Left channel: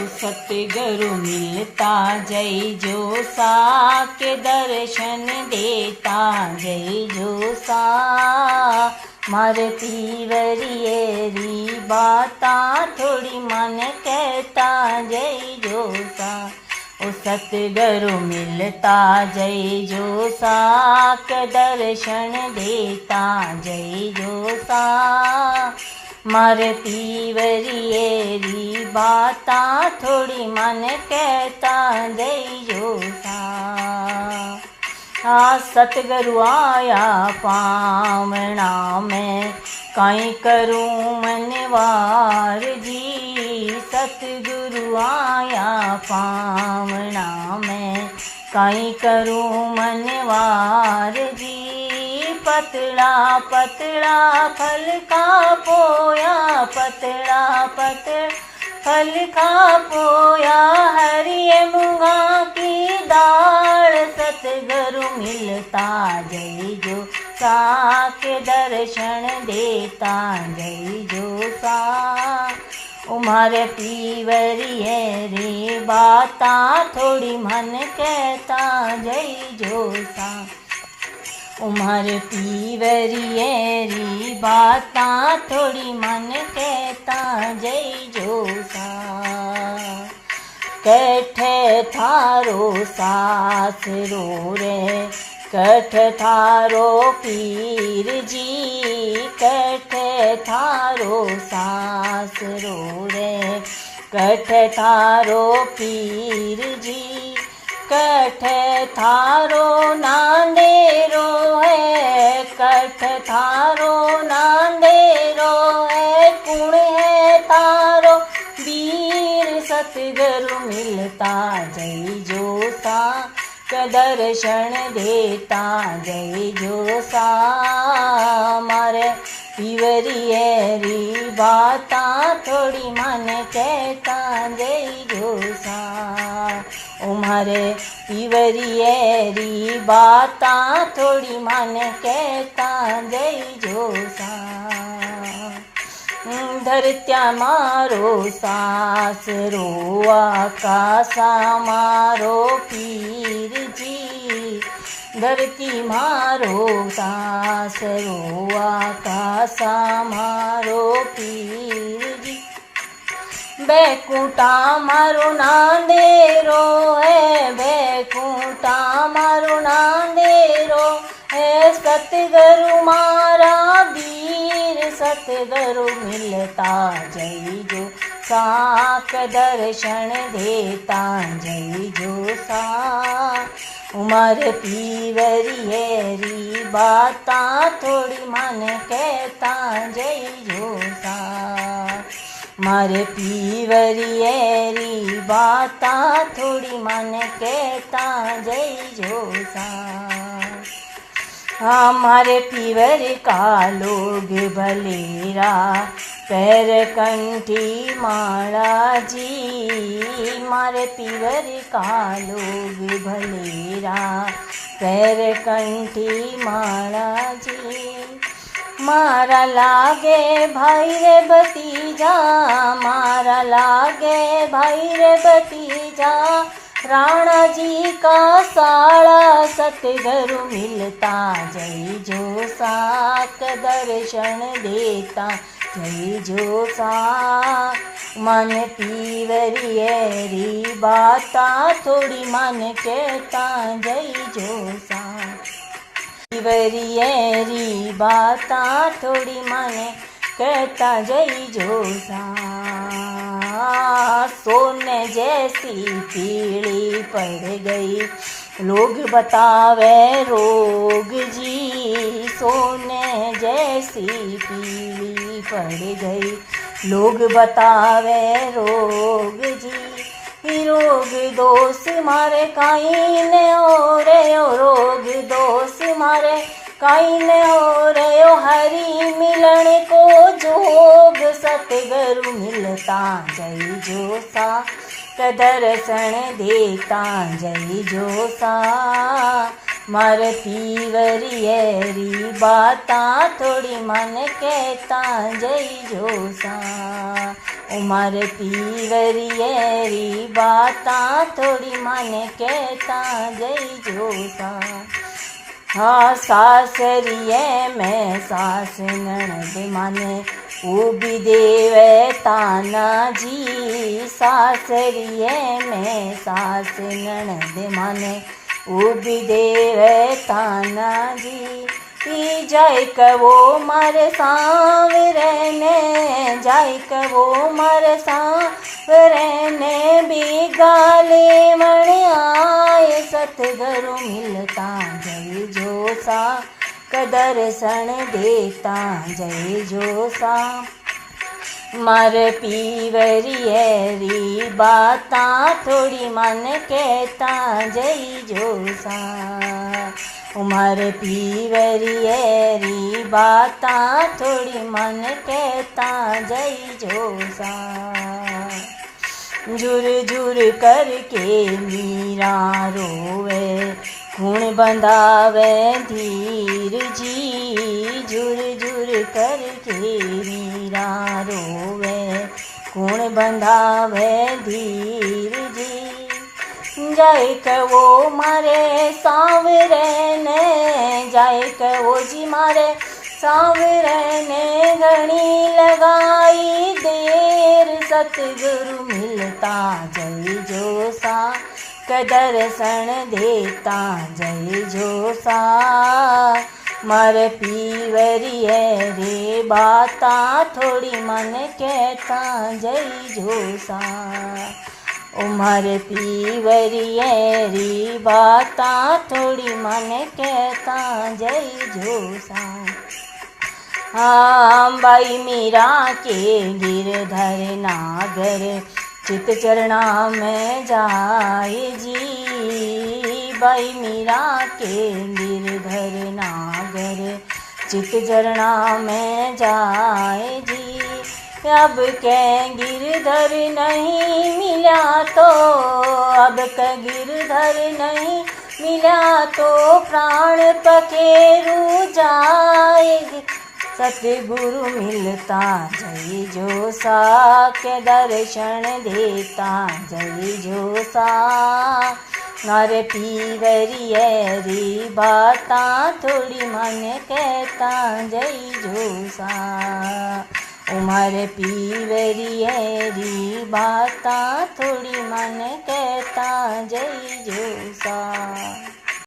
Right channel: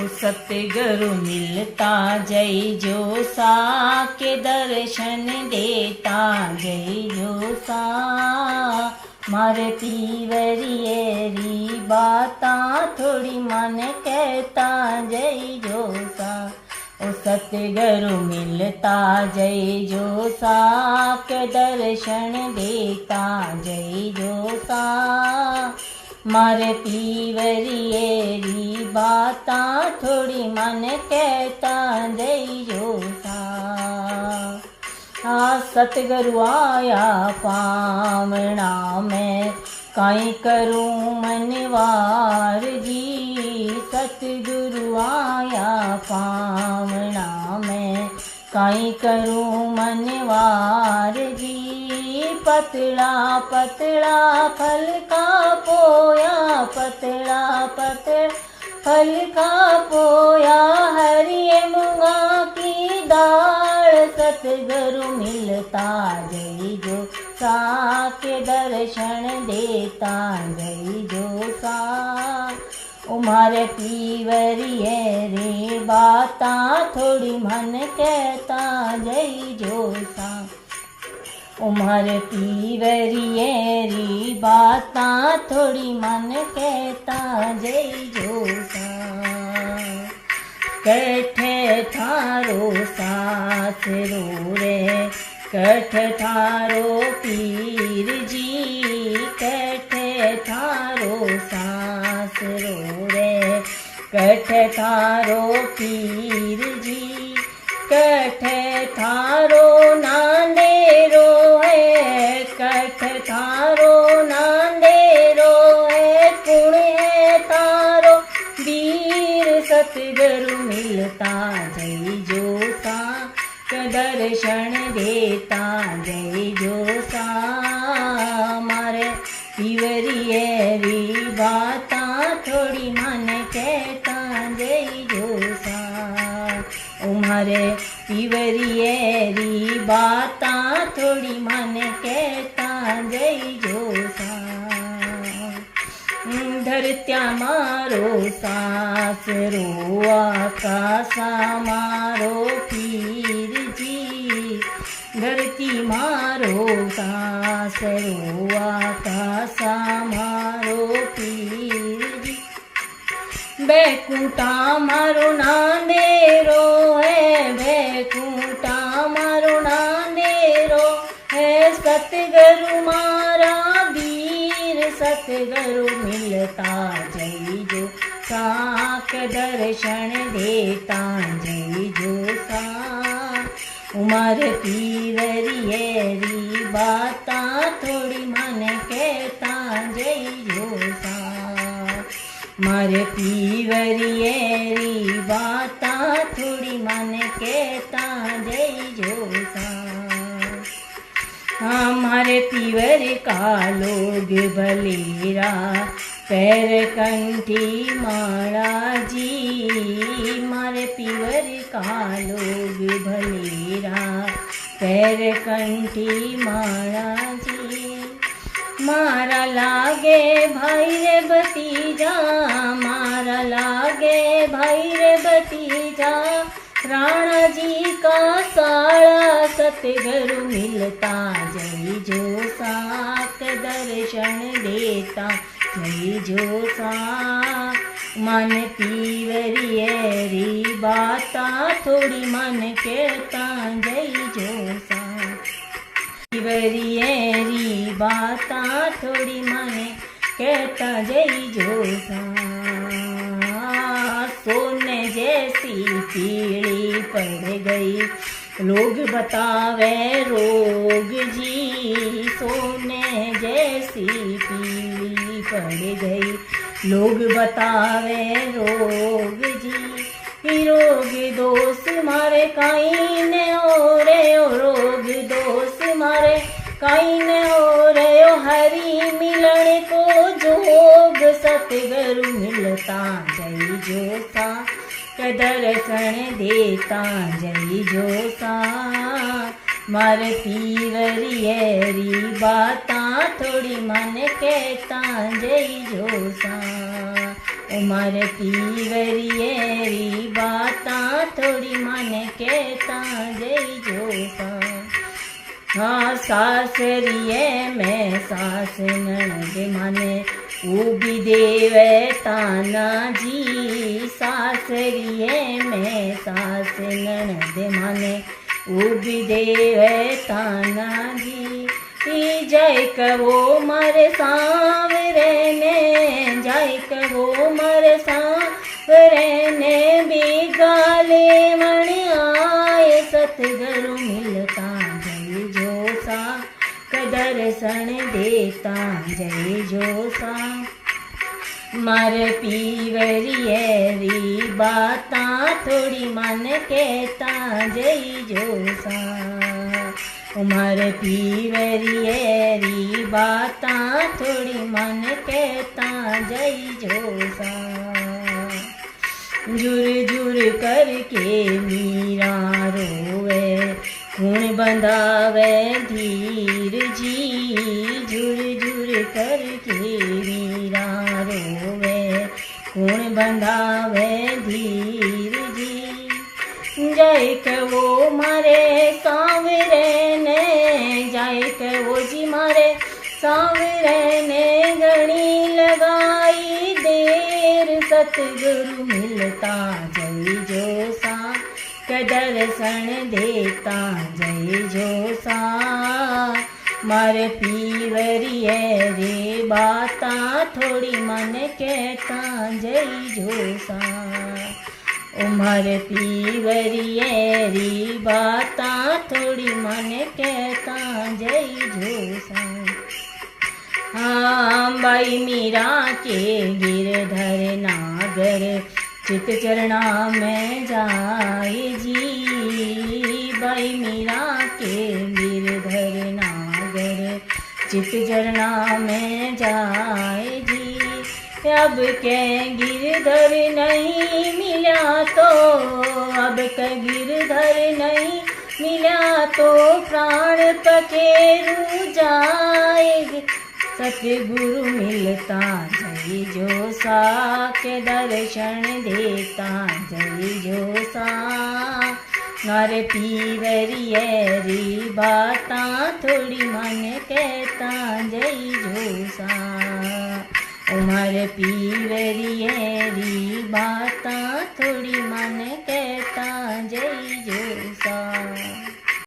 ओ सतगुरु मिलता जय जो सा के दर्शन देता जय जो सा मारे पीवरिए री बाता थोड़ी मन कहता जय जो सा ओ सतगुरु मिलता जय जो सा के दर्शन देता जय जो सा मारे पीवरिए री बाता थोड़ी मन कहता जय जो सा आ सतगुरु आया पावना में काई करूं मनवार जी सतगुरु आया पावना में काई करूं मनवार जी पतला पतला फल का पोया पतला पतला फल का पोया हरिय मूंगा की दाल सतगुरु मिलता जय जो सा के दर्शन देता जय जो सा उमारे पीवरिए रे बाता थोड़ी मन कहता जय जो सा उमारे पीवरिए री बाता थोड़ी मन कहता जय जो सा कैठे थारो सासरो रे कैठ थारो पीर जी कैठे थारो सासरो रे कैठ थारो पीर जी कैठे थारो नांदेरो है कैठ थारो नांदेरो है कुण है तारो वीर सतगुरु मिलता जय जो सा दर्शन देता जय जो सा मारे पीवरिए री बाता थोड़ी मन कहता जय जो सा उमारे पीवरिए री बाता थोड़ी मन कहता जय जो सा धरत्या मारो सासरो आकाशा मारो पीर जी धरती मारो सासरो आकाशा मारो पीर जी बैकुंठा मारो नांदेरो है बैकुंठा मारो नांदेरो है सतगुरु मारा वीर सतगुरु मिलता जय जो साक दर्शन देता जय जो सा उमर पीवरिए री बाता थोड़ी मन कहता जय जो सा मारे पीवरिए री बाता थोड़ी मन कहता जय जो सा हमारे पीवर का लोग भलेरा पैर कंठी माला जी मारे पीवर का लोग भलेरा पैर कंठी माला जी मारा लागे भाई रे भतीजा मारा लागे भाई रे भतीजा राणा जी का साड़ा सतगुरु मिलता जय जो साक दर्शन देता जय जो सा मन पीवरिए री बाता थोड़ी मन कहता जय जो सा पीवरिए री बाता थोड़ी मन कहता जय जो सा सोने जैसी पीली पड़ गई लोग बतावे रोग जी सोने जैसी पीली पड़ गई लोग बतावे रोग जी रोग दोष मारे काई ने ओरे रोग दोष मारे काई ने ओरे हरि मिलन को जोग सतगुरु मिलता जय जो सा दर्शन देता जय जो सा मार पीवरिए री बाता थोड़ी मन कहता जय जो सा उमर पीवरिए री बाता थोड़ी मन कहता जई जोसा। हाँ सासरिए में सास ननद माने उबी देवे ताना जी। सासरिए में सास ननद माने उबी देवे ताना जी। जाय कवो मारे सांवरे ने जाय कवो मारे सांवरे ने भी गाली मण आए सतगुरु मिलता जय जोसा कदर्शन देता जय जोसा। मर पीवरिए री बाता थोड़ी मन कहता जय जोसा। उमर पीवरिए री बाता थोड़ी मन कहता जय जोसा। जुर जुर करके मीरा रोवे खून बंधावे धीर जी। जुर जुर करके मीरा रोवे खून बंधावे धीर जी। जाय कवो मारे सांवरे ने जाय कवो जी मारे सांवरे ने घणी लगाई देर सतगुरु मिलता जय जोसा कदर्शन देता जय जोसा। मर पीवरिए रे बाता थोड़ी मन कहता जय जोसा। उमर पीवरिए री बाता थोड़ी मन कहता जय जोसा। हाँ बाई मीरा के गिरधर नागर चित चरणा में जाए जी। बाई मीरा के गिरधर नागर चित चरणा में जाए जी। अब के गिरधर नहीं मिला तो अब के गिरधर नहीं मिला तो प्राण पखेरु जाएगी। सतगुरु मिलता जय जोसा के दर्शन देता जय जोसा। मर पीवरिए री बाता थोड़ी मन कहता जय जोसा। उमर पीवरिए री बाता थोड़ी मन